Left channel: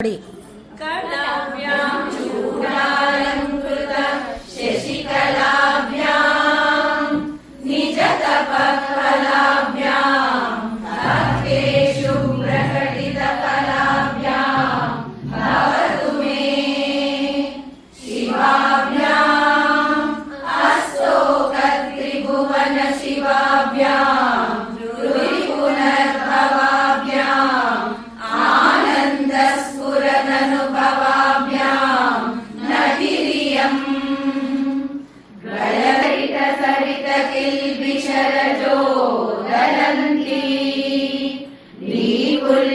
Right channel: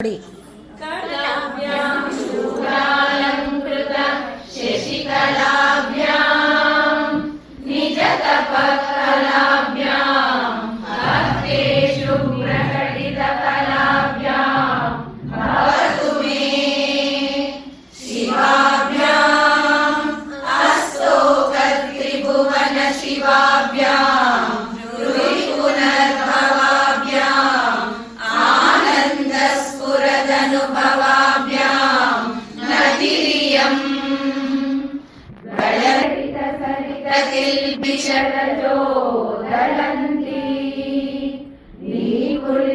कलाभ्यां चूडालंकृत शशिकलाभ्यां निजतपकलाभ्यां भक्तेषु प्रकटितकलाभ्यां भवतु मे शिवाभ्याम् अस्तोकत्रिभुवन शिवाभ्यां किल्बिषरजो दलन्ति नीकुल्यशरणिषु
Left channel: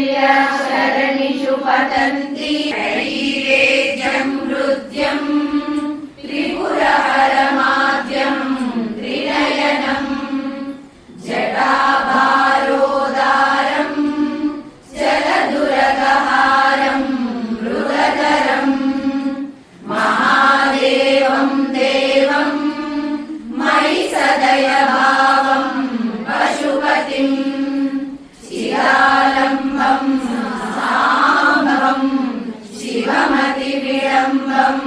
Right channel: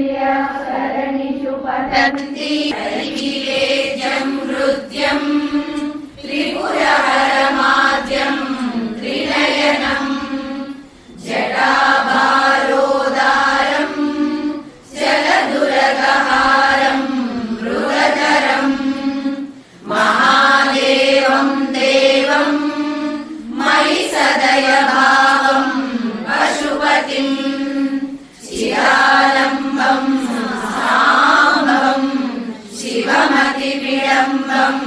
पतन्ति शरीरेज्यं हृद्यं त्रिपुरहरमाद्यं त्रिनयनं जटाभारोदारं जलदुरगहारं मृगधरं महादेवं देवं मयि सदय भावं पशुपतिं शिवालम्बं साम्बं शिवमतिविडम्बम्